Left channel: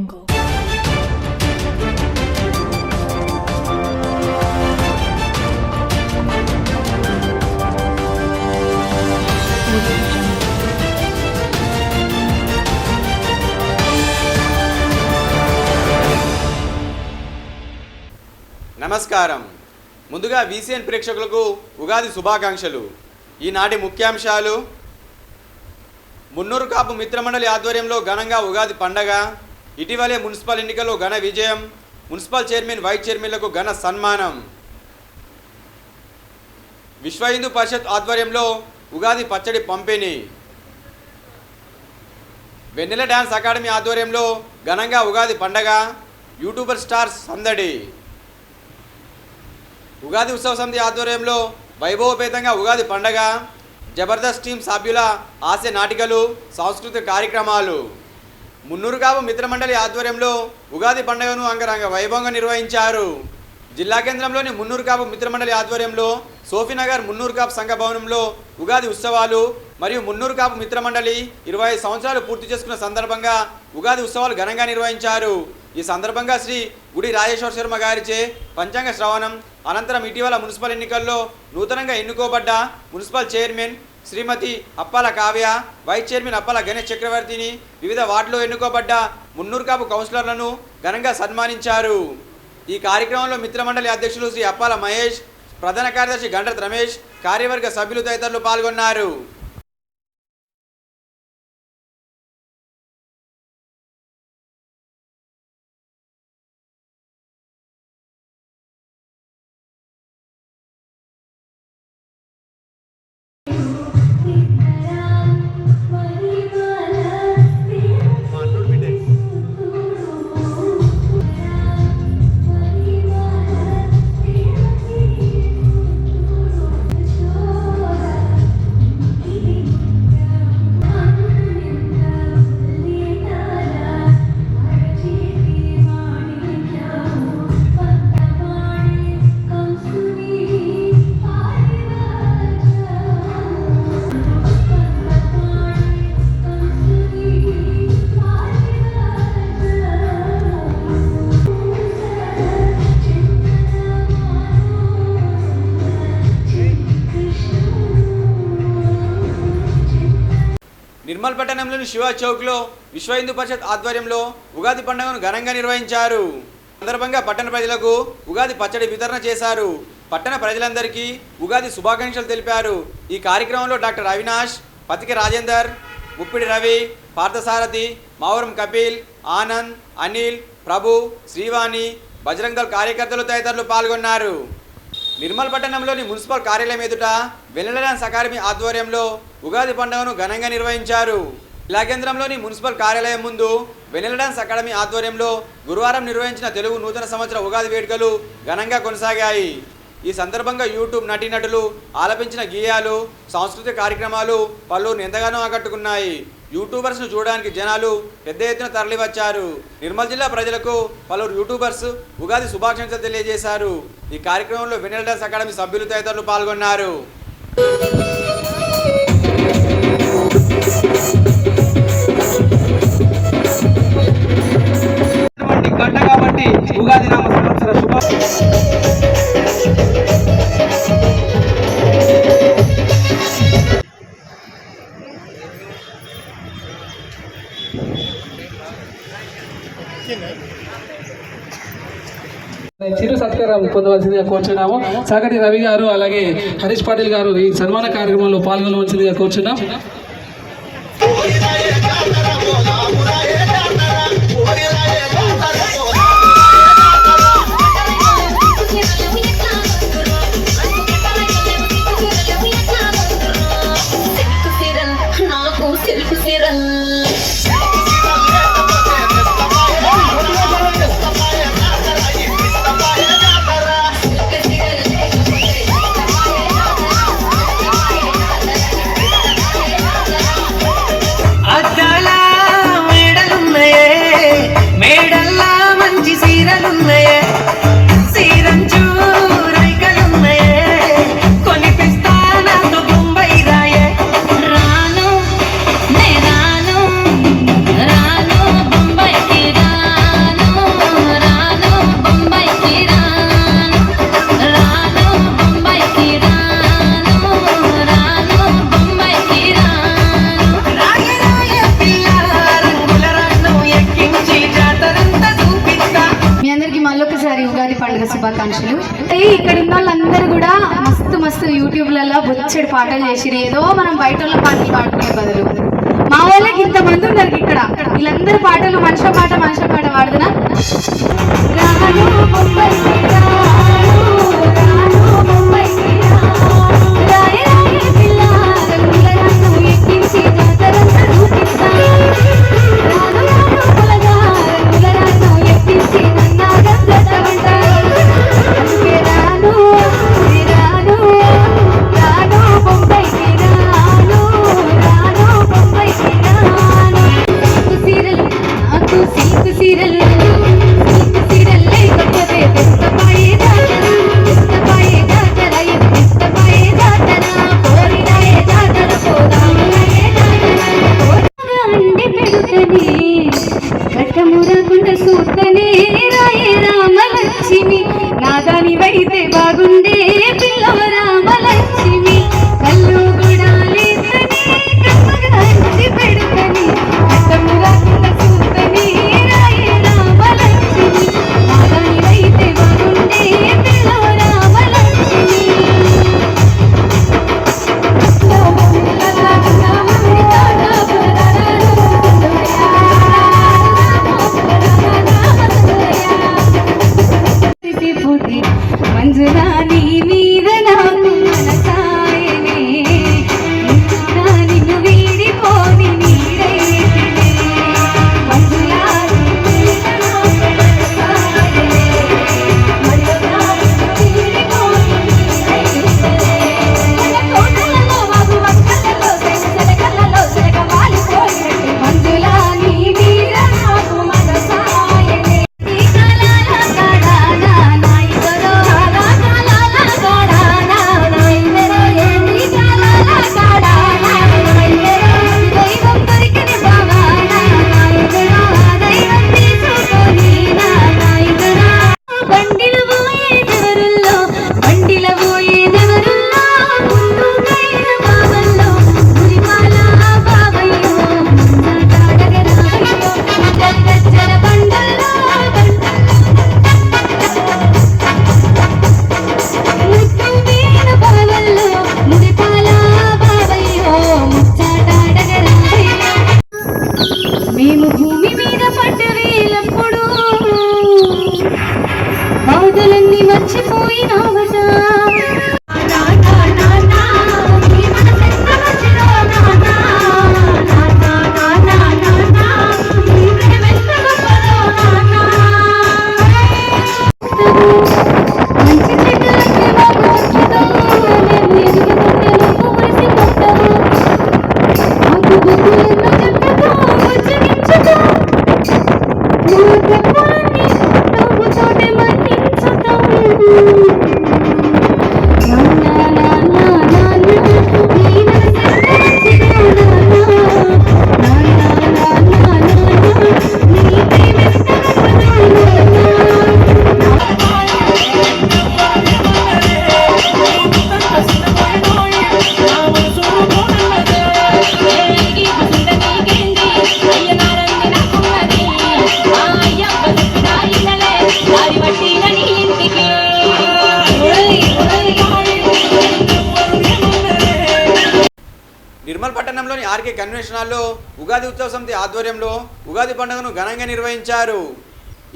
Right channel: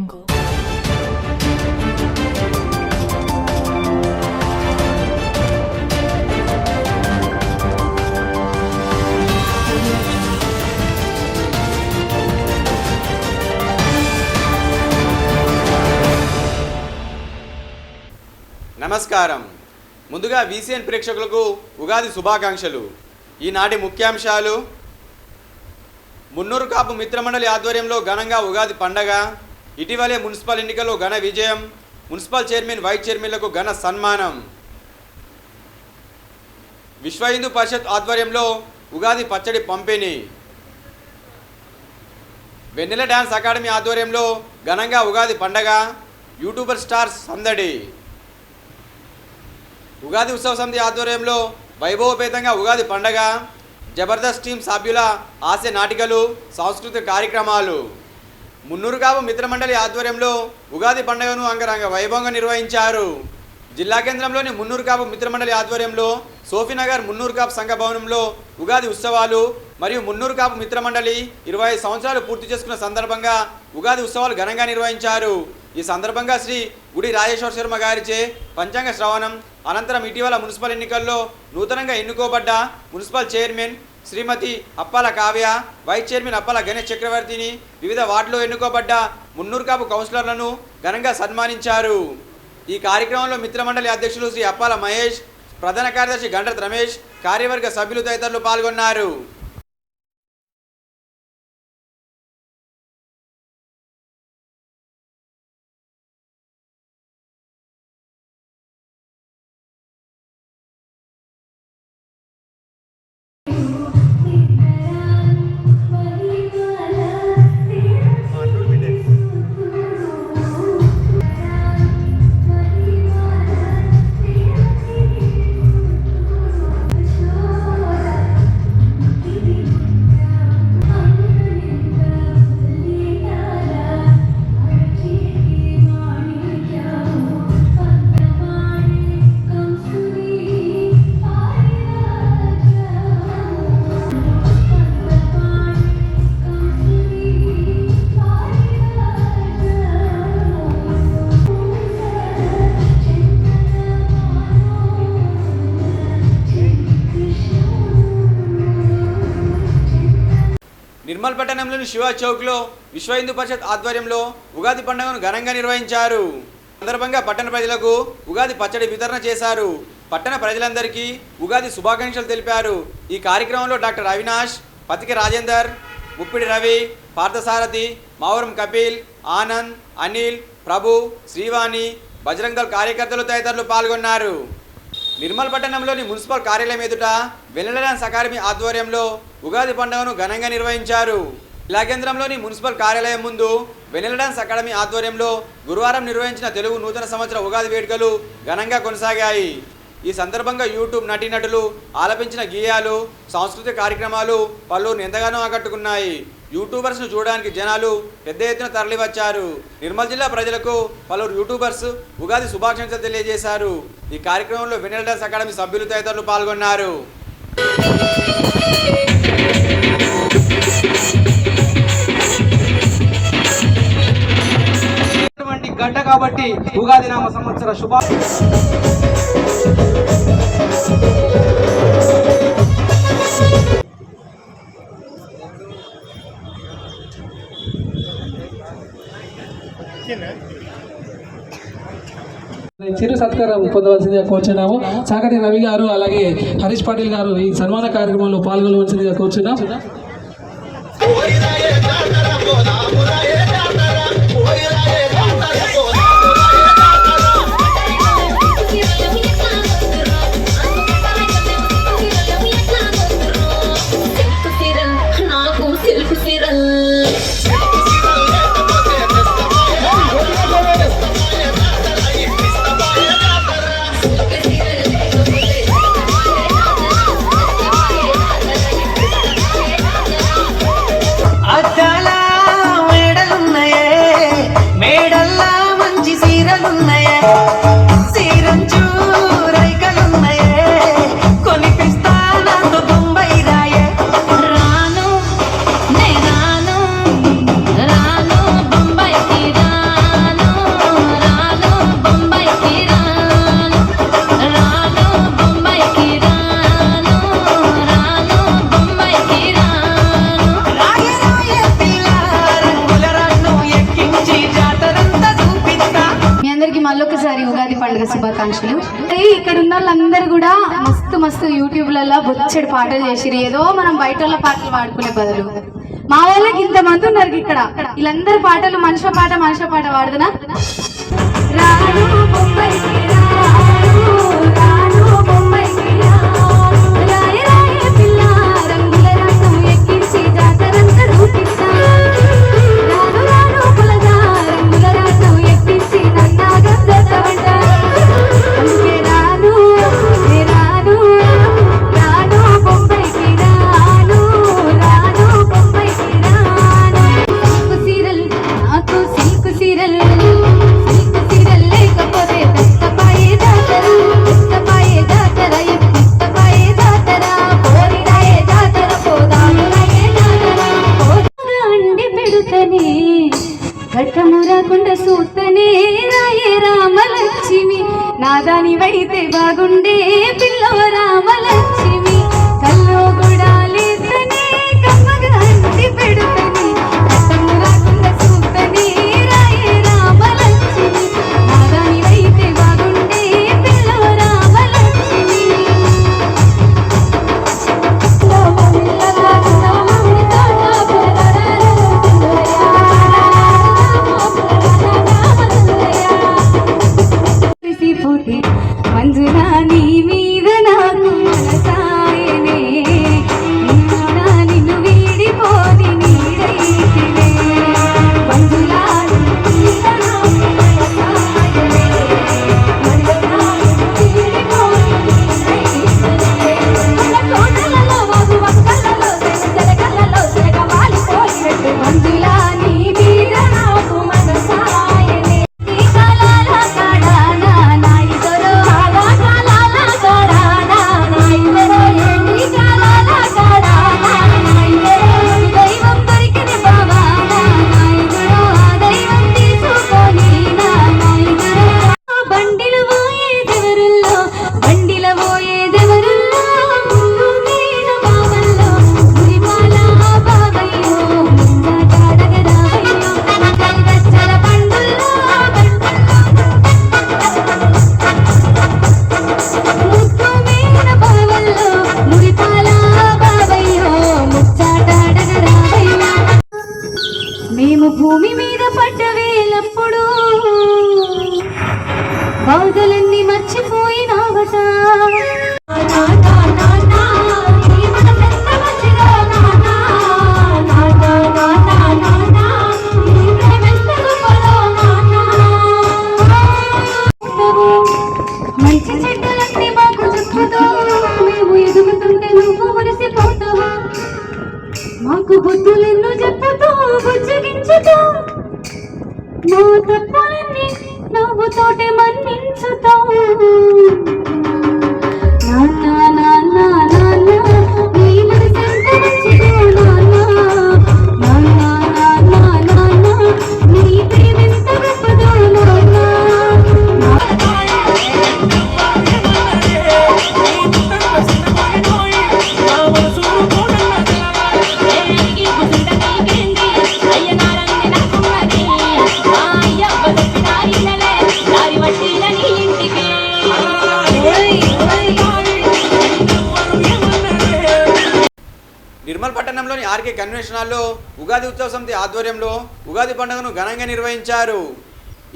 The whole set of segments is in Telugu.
నమస్కారం. ముందుగా VCN ప్రేక్షకులకు ఉగాది శుభాకాంక్షలు. ఈనాటి ముఖ్యాంశాలు: మున్నూరు కాపు మిత్రమండలి ఆధ్వర్యంలో ఘనంగా ఉగాది పండగ. ఇటీవలే మున్సిపల్ ఎన్నికల్లో ఘన విజయం. మున్సిపల్ చైర్మన్, వైస్ చైర్మన్లకు ఘన సన్మానం. విశ్వ హిందూ పరిషత్ ఆధ్వర్యంలో ఉగాది పచ్చడి పంపిణీ. వెన్నెల డ్యాన్స్ అకాడమీ ఆధ్వర్యంలో ఘనంగా ఉగాది పండగ. యూట్యూబర్ స్టార్స్ సందడి. ఉగాది ఉత్సవ సమితి ఆధ్వర్యంలో వైభవపేతంగా ఉగాది పండగ. జబర్దస్త్ టీం సభ్యుల హాస్య నాటికలు, సాంస్కృతిక కార్యక్రమాలు. మున్నూరు కాపు మిత్రమండలి ఆధ్వర్యంలో ఉగాది పండుగను అంగరంగ వైభవంగా నిర్వహించారు. జిల్లా కేంద్రంలోని మున్నూరు కాపు మిత్రమండలి ఆధ్వర్యంలో సోఫీనగర్ మున్నూరు కాపు సంఘ భవనంలో ఉగాది ఉత్సవాలు మరియు మున్నూరు కాపు మిత్రమండలి 25 సంవత్సరాలు పూర్తి చేసుకున్న సందర్భంగా ఉగాది ఉత్సవాలు ఘనంగా నిర్వహించారు. ఈ సందర్భంగా శ్రీ గుడి రాజేశ్వర శర్మ గారిచే పంచాంగ శ్రవణం అనంతరం ఇటీవల మున్సిపల్ ఎన్నికల్లో నూతనంగా ఎన్నుకోబడ్డ మున్సిపల్ చైర్మన్ శ్రీమతి అప్పాల కావ్య, వైస్ చైర్మన్ అప్పాల గణేష్ చక్రవర్తిని, వివిధ వార్డులో ఎన్నుకోబడ్డ మున్నూరు కాపు కౌన్సిలర్లను ఘనంగా సన్మానించారు. ఈ కార్యక్రమంలో మిత్రమండలి అధ్యక్షులు శ్రీ అప్పాల మహేష్, ప్రధాన కార్యదర్శి గండ్రత్ రమేష్, కార్యవర్గ సభ్యులు తదితరులు పాల్గొన్నారు. నిర్మల్ పట్టణంలోని శివ చౌక్లో విశ్వ హిందూ పరిషత్ ఆధ్వర్యంలో ఉగాది పండుగను ఘనంగా నిర్వహించారు. సందర్భంగా పట్టణ ప్రజలకు ఉగాది పచ్చడి వితరణ చేశారు. పట్టణ ప్రజలందరికీ ఉగాది శుభాకాంక్షలు తెలిపారు. ఈ కార్యక్రమంలో డాక్టర్ అవినాష్, పతికి రాజేందర్, ముప్పిడి రవి, పార్థసారథి, మావరం కపిల్, ఆనంద్, అనిల్, ప్రభు, శ్రీవాణి, బజరంగ్ దళ్ కార్యకర్తలు తదితరులు పాల్గొన్నారు. నిర్మల్ పట్టణంలోని మున్సిపల్ కార్యాలయం ఎదుట వెన్నెల డ్యాన్స్ అకాడమీ ఆధ్వర్యంలో ఉగాది పండుగను ఘనంగా నిర్వహించారు. జిల్లా కేంద్రంలోని మున్సిపల్ కార్యాలయం ముందు వెన్నెల డ్యాన్స్ అకాడమీ ఆధ్వర్యంలో గురువారం నిర్వహించిన తెలుగు నూతన సంవత్సర ఉగాది వేడుకలు ఘనంగా కొనసాగాయి. ఈ సందర్భంగా యూట్యూబ్ నటీనటులు ఆలపించిన గేయాలు, సాంస్కృతిక కార్యక్రమాలు పలువురిని ఎంతగానో ఆకట్టుకున్నాయి. యూట్యూబర్స్ను చూడడానికి జనాలు పెద్ద ఎత్తున తరలివచ్చారు. నిర్మల్ జిల్లా ప్రజలకు పలువురు యూట్యూబర్స్ ఉగాది శుభాకాంక్షలు తెలియజేశారు. ఈ కార్యక్రమంలో వెన్నెల డ్యాన్స్ అకాడమీ సభ్యులు తదితరులు పాల్గొన్నారు. గంట కాబట్టి ఉగాది నామ సంవత్సర చిరు సత్కారం పొందవలసిందిగా కోరుచున్నాము. సాగటి రవి గారు అలాగే హరీష్ పాటిల్ గారు ఈ సన్మాన కార్యక్రమంలో పాల్గొనవలసిందిగా కోరుచున్నాం. మస్తు యూట్యూబ్లలో బొచ్చడి పాటలు చేసిరు. ఏదో మనం బయట వాళ్ళ పాటలు పాడుకునే బదులు మా వాళ్ళకి ఇంతమంది ఉన్నారు ఇక్కడ. వీళ్ళందరి పాటలు మనిషి పాట పాడుతున్నా. రాను ముంబైకి రాను, రాను ముంబైకి రాను, రాయే రాయే పిల్ల రంగుల రథం ఎక్కించి జాతరంతా చూపిస్తాను. రాను రాను పులగా రంగుల రథం ఎక్కించి నన్నాగం జతమంటారు. అందుకే రాను రాను రాను ముంబైకి రాను, రాను ముంబైకి రాను. సిల్కు సీరలు సిల్కు సీరలు లేకపోతే తెస్తపాయే జాతర తెస్తపాయే జాతర కోరిరాయే జాతర పోదాములయే జాతర అండి పెడుతనే కట్టమురకుండ సూతనే రాయే రామలక్ష్మి నాదాని వైతే బాగుండే పిల్లో రామలక్ష్మి కల్లో గుడాలితనే కమ్మగా అండి పెడుతనే కట్టమురకుండ సూతనే రాయే రామలక్ష్మి నాదాని వైతే బాగుండే పిల్లో రామలక్ష్మి. మంజులా నీ మీద నాకు మనసాయనే ఇంకా నిన్ను వీడిపోని నీడైతినే. మంజులా నీ మీద నాకు మనసాయనే మంజులా నిన్ను వీడిపోని నీడైతినే. కోటలలో మగువక్కలలో సెగలలో సెగవాలిపోయినట్టు మంజులా నీ మీద నాకు మనసాయనే. ఈ కాలాల కడానా నా ఇదరో ఆలా కాలాల కడానా నా ఇదరో ఏంటి కాలాల కడానా నా ఇదరో దైవం దొరికిన బావానా నా ఇదరో ఆ దైవం తీసుకొని నా ఇదరో. బండిలో పోయేదెవరుల్లో బండిలో పోయేదెవరుల్లో ముందుకైన బావల్లో గురిమాల బావయ్యో తాడగరాయ్యో గచ్చల బండల్లో ముద్దు వీణ బావల్లో మురిపాల బావయ్యో ముచ్చాటాడగరాయ్యో. మేము భూమి మీద పడ్డ వేలప్పుడు బాధలన్నీ మర్చిపోయినావట. మంచి చెడ్డలన్నీ మాకు చెప్తావు, మేము ఎదుగుతుంటే నువ్వు మురిసిపోతావు. మాకు బుద్ధులెన్నో చెప్తావు, బుజ్జగించుతావు. నా తప్పులన్నీ నవ్వుతోటే మన్నించుతావు. నాన్న నాన్న నాన్న నీ మనసెంత మంచిదో నాన్న. నాన్న నాన్న నాన్న నీ ప్రేమెంత గొప్పదో నాన్న. నిర్మల్ పట్టణంలోని ఆర్కే కన్వెన్షన్ హాల్లో ఉగాది ఉత్సవ సమితి ఆధ్వర్యంలో ఉగాది పండుగను ఘనంగా నిర్వహించారు.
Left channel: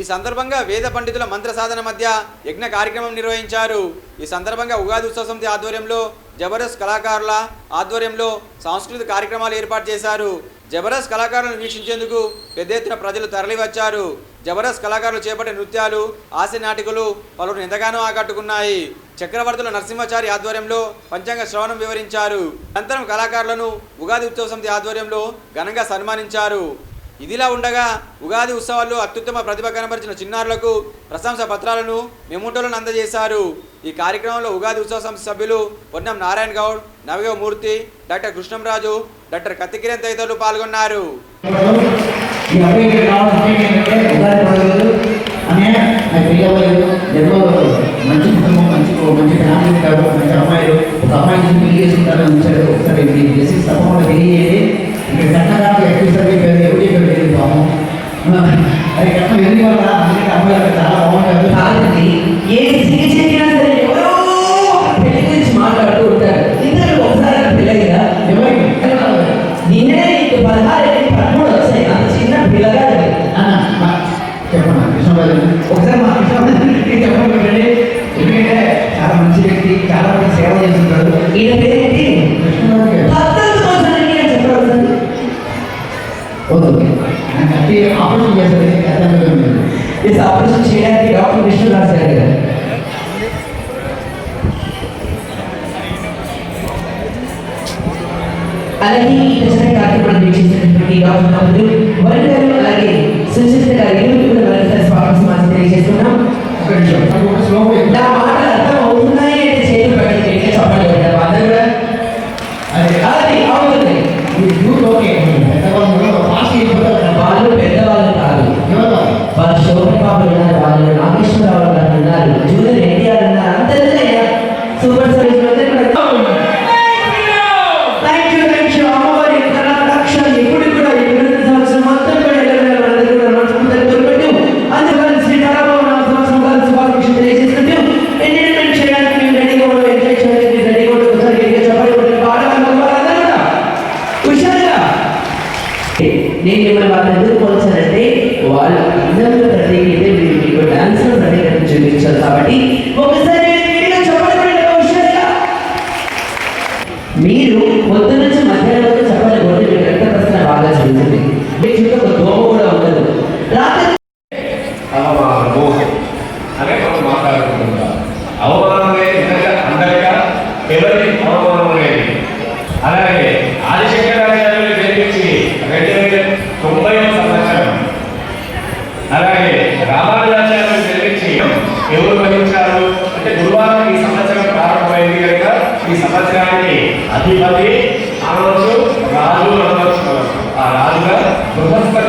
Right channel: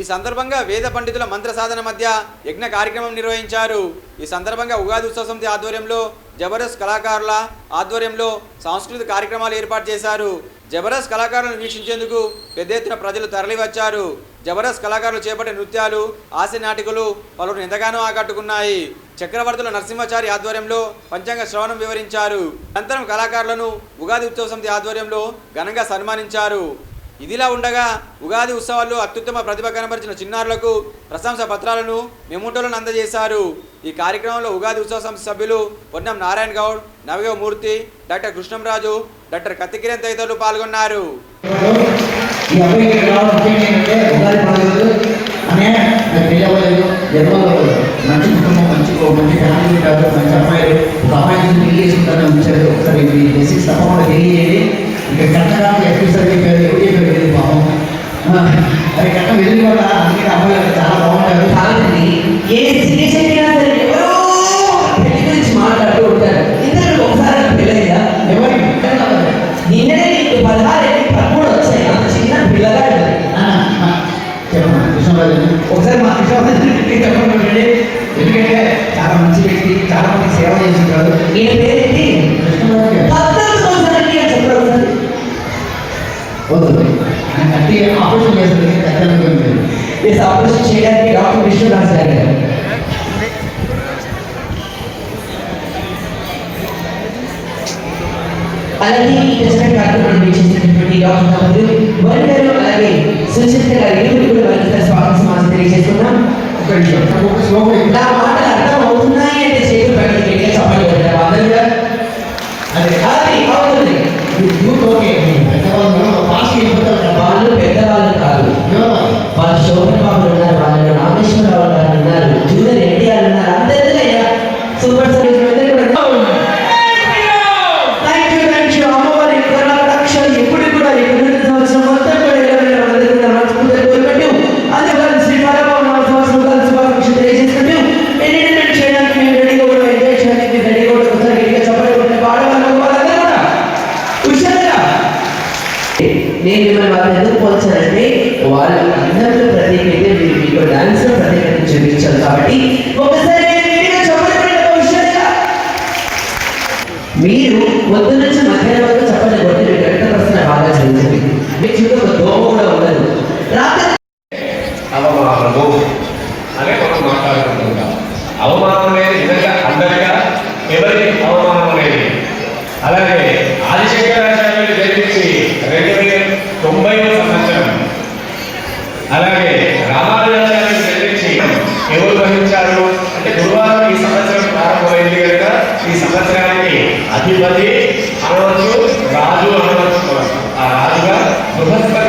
ఈ సందర్భంగా వేద పండితుల మంత్ర సాధన మధ్య యజ్ఞ కార్యక్రమం నిర్వహించారు. ఈ సందర్భంగా ఉగాది ఉత్సవ సమితి ఆధ్వర్యంలో జబర్దస్త్ కళాకారుల ఆధ్వర్యంలో సాంస్కృతిక కార్యక్రమాలు ఏర్పాటు చేశారు. జబర్దస్త్ కళాకారులను వీక్షించేందుకు పెద్ద ఎత్తున ప్రజలు తరలివచ్చారు. జబర్దస్త్ కళాకారులు చేపట్టే నృత్యాలు, హాస్య నాటికలు పలువురు ఎంతగానో ఆకట్టుకున్నాయి. చక్రవర్తుల నరసింహాచారి ఆధ్వర్యంలో పంచాంగ శ్రవణం వివరించారు. అనంతరం కళాకారులను ఉగాది ఉత్సవ సమితి ఆధ్వర్యంలో ఘనంగా సన్మానించారు. ఇదిలా ఉండగా ఉగాది ఉత్సవాల్లో అత్యుత్తమ ప్రతిభ కనబరిచిన చిన్నారులకు ప్రశంసా పత్రాలను మెమోటోలను అందజేశారు. ఈ కార్యక్రమంలో ఉగాది ఉత్సవ సమితి సభ్యులు పొన్నం నారాయణ గౌడ్, నవగవ మూర్తి, డాక్టర్ కృష్ణంరాజు, డాక్టర్ కత్తికిరణ్ తదితరులు పాల్గొన్నారు. అది కట్టం వెళ్ళి వల్ల అన్ని అమ్మగారు చాలా బాగుంటారు. కాదండి ఏ పెళ్లి గురించి మాట్లాడారు. ఒకసారి మా కృష్ణారెడ్డి చెప్పండి, ఎందుకంటే చాలా మంచి వ్యక్తి, చాలా మంది సేవ చేస్తున్నారు. ఈయన పేరేంటి? ఆపరేషన్ చేస్తారు. ఆపరేషన్ చేయడానికి డాక్టర్ విష్ణురాజ్ గారు. అలాగే ఈ టెస్టింగ్ కార్యక్రమాన్ని వీక్షిస్తున్నటువంటి డాక్టర్ తమ్ముడు వరంగల్ అలాగే సుచిత్ర గారికి కూడా స్వాగత సమాచారం తెలియజేస్తున్నాం. నా మాటలు అర్థం అవుతున్నాయి అంటే చేతులు పైకి చెప్పండి. వాళ్ళు పెద్దవాళ్ళు కాదు, వాళ్ళ శోభన్ బాబు ఉన్నారు, వాళ్ళు రామేశ్వరరావు గారు ఉన్నారు, జూనియర్ ఎన్టీఆర్ ఉన్నారు, అందరినీ సూపర్ సర్వీస్ నేను మిమ్మల్ని వాళ్ళని ఎందుకు పోల్చానంటే వాళ్ళ అందరిలో ప్రత్యేకత మీరు మీకు డాన్స్ లో ప్రత్యేకత చూపించాలి. కాబట్టి ఒకసారి మీరు పొద్దు నుంచి మధ్యాహ్నం వరకు చెప్పండి కొట్టి మీరు ఎంత ప్రశ్న బాగా చదివింది. మీ చుట్టూ ఒక దోమ కూడా ఉండదు. రాత్రి అవమానం అందరిగా ఎవరి అవమానం అనేది. అలాగే ఆదిశంకరాచార్యులు జన్మించి 2090వ సంవత్సరం, అలాగే రామానుజాచార్యులు జన్మించి ఎవరు వహించారు అంటే గురువారం ఈ సంవత్సరం ప్రారంభమైంది కనుక ఈ సంవత్సరానికి అధిపతి అనవచ్చు, రాజు అనవచ్చు. ఆ రాజుగా బృహస్పతి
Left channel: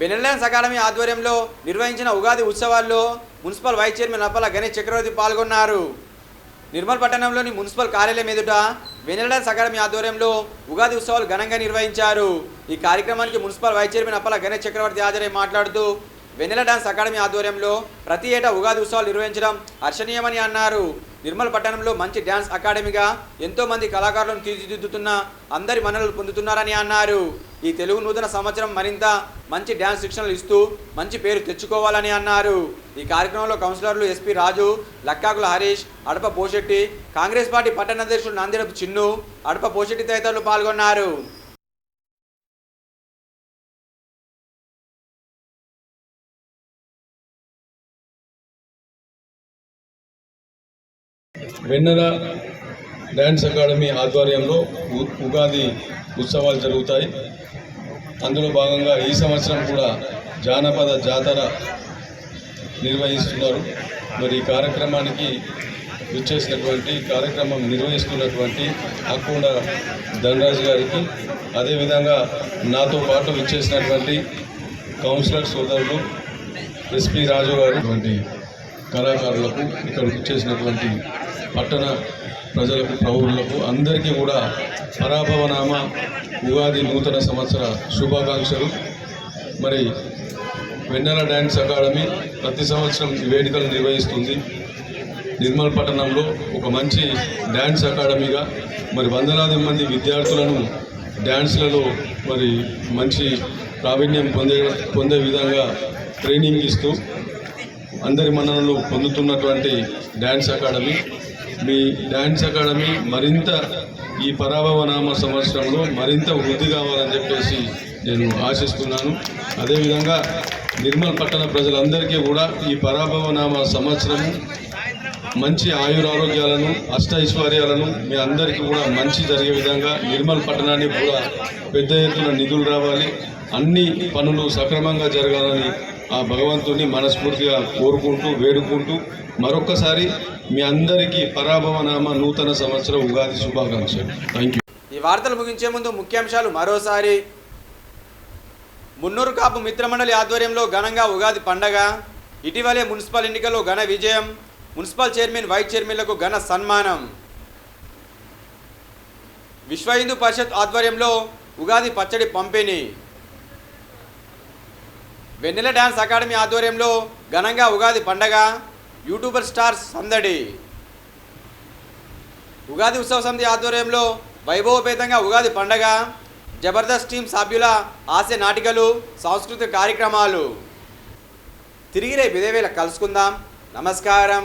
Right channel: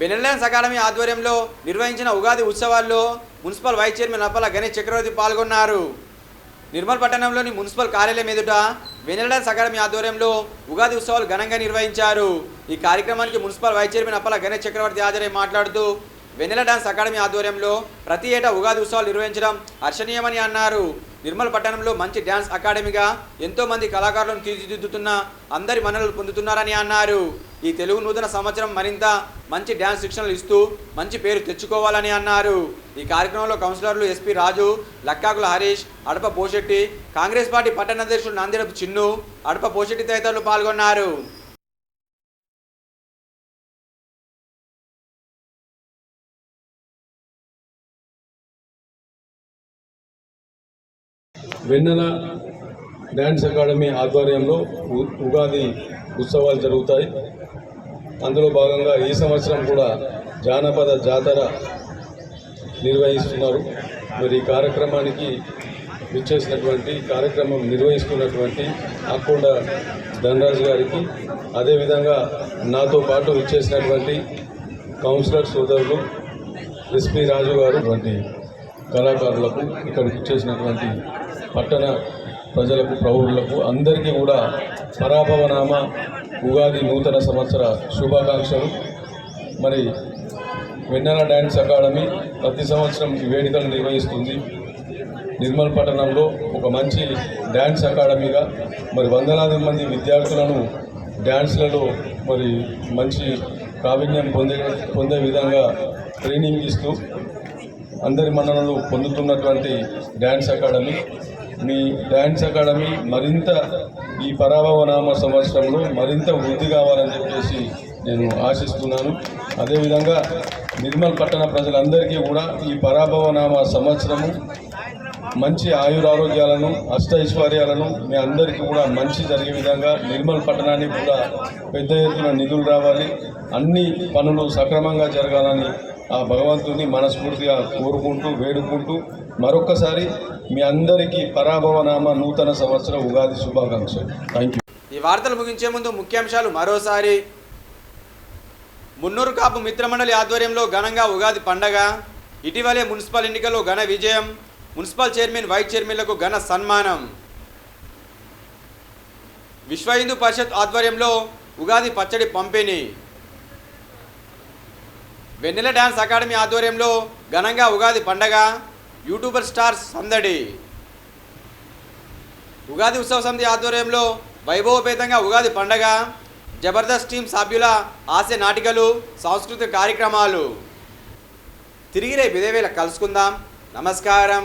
బెనెల్డాన్స్ అకాడమీ ఆధ్వర్యంలో నిర్వహించిన ఉగాది ఉత్సవాల్లో municipal vice chairman Appala Ganesh Chakravarthi పాల్గొన్నారు. నిర్మల్ పట్టణంలోని మున్సిపల్ కార్యాలయం ఎదుట బెనెల్డాన్స్ అకాడమీ ఆధ్వర్యంలో ఉగాది ఉత్సవాలు ఘనంగా నిర్వహించారు. ఈ కార్యక్రమానికి municipal vice chairman Appala Ganesh Chakravarthi హాజరై మాట్లాడుతూ వెన్నెల డాన్స్ అకాడమీ ఆధ్వర్యంలో ప్రతి ఏటా ఉగాది ఉత్సవాలు నిర్వహించడం హర్షణీయమని అన్నారు. నిర్మల్ పట్టణంలో మంచి డ్యాన్స్ అకాడమీగా ఎంతో మంది కళాకారులను తీర్చిదిద్దుతున్న అందరి మన్ననలు పొందుతున్నారని అన్నారు. ఈ తెలుగు నూతన సంవత్సరం మరింత మంచి డ్యాన్స్ శిక్షణలు ఇస్తూ మంచి పేరు తెచ్చుకోవాలని అన్నారు. ఈ కార్యక్రమంలో కౌన్సిలర్లు ఎస్పీ రాజు, లక్కాకుల హరీష్, అడప పోషెట్టి, కాంగ్రెస్ పార్టీ పట్టణ అధ్యక్షుడు నందిరపు చిన్ను, అడప పోషెట్టి తదితరులు పాల్గొన్నారు. వెన్నెల డ్యాన్స్ అకాడమీ ఆధ్వర్యంలో ఉగాది ఉత్సవాలు జరుగుతాయి. అందులో భాగంగా ఈ సంవత్సరం కూడా జానపద జాతర నిర్వహిస్తున్నారు. మరి ఈ కార్యక్రమానికి కార్యక్రమం నిర్వహిస్తున్నటువంటి అక్కొండ ధనరాజు గారికి, అదేవిధంగా నాతో పాటు విచ్చేసినటువంటి కౌన్సిలర్ సోదరులు ఎస్పీ రాజు గారు వంటి కళాకారులకు, ఇక్కడ విచ్చేసినటువంటి పట్టణ ప్రజలకు, ప్రౌఢులకు అందరికీ కూడా పరాభవనామ ఉగాది నూతన సంవత్సర శుభాకాంక్షలు. మరి వెన్నెల డ్యాన్స్ అకాడమీ ప్రతి సంవత్సరం ఈ వేడుకలు నిర్వహిస్తుంది. నిర్మల్ పట్టణంలో ఒక మంచి డ్యాన్స్ అకాడమీగా మరి వందలాది మంది విద్యార్థులను డ్యాన్స్లలో మరి మంచి ప్రావీణ్యం పొందే విధంగా ట్రైనింగ్ ఇస్తూ అందరి మన్ననలు పొందుతున్నటువంటి డ్యాన్స్ అకాడమీ. మీ డ్యాన్స్ అకాడమీ మరింత ఈ పరాభవనామ సంవత్సరంలో మరింత వృద్ధి కావాలని చెప్పేసి నేను ఆశిస్తున్నాను. అదేవిధంగా నిర్మల్ పట్టణ ప్రజలందరికీ కూడా ఈ పరాభవనామ సంవత్సరము మంచి ఆయురారోగ్యాలను అష్టైశ్వర్యాలను మీ అందరికీ కూడా మంచి జరిగే విధంగా నిర్మల్ పట్టణానికి కూడా పెద్ద ఎత్తున నిధులు రావాలి, అన్ని పనులు సక్రమంగా జరగాలని ఆ భగవంతుని మనస్ఫూర్తిగా కోరుకుంటూ వేడుకుంటూ మరొక్కసారి మీ అందరికీ పరాభవనామ నూతన సంవత్సర ఉగాది శుభాకాంక్షలు. Thank you. ఈ వార్తలు ముగించే ముందు ముఖ్యాంశాలు మరోసారి. మున్నూరు కాపు మిత్రమండలి ఆధ్వర్యంలో ఘనంగా ఉగాది పండగ. ఇటీవలే మున్సిపల్ ఎన్నికల్లో ఘన విజయం. మున్సిపల్ చైర్మన్ వైస్ చైర్మన్లకు ఘన సన్మానం. విశ్వ హిందూ పరిషత్ ఆధ్వర్యంలో ఉగాది పచ్చడి పంపిణీ. వెన్నెల డ్యాన్స్ అకాడమీ ఆధ్వర్యంలో ఘనంగా ఉగాది పండగ. యూట్యూబర్ స్టార్స్ సందడి. ఉగాది ఉత్సవ సమితి ఆధ్వర్యంలో వైభవపేతంగా ఉగాది పండగ. జబర్దస్త్ టీం సభ్యుల హాస్య నాటికలు, సాంస్కృతిక కార్యక్రమాలు. తిరిగి రేపు ఇదే వేళ కలుసుకుందాం. నమస్కారం.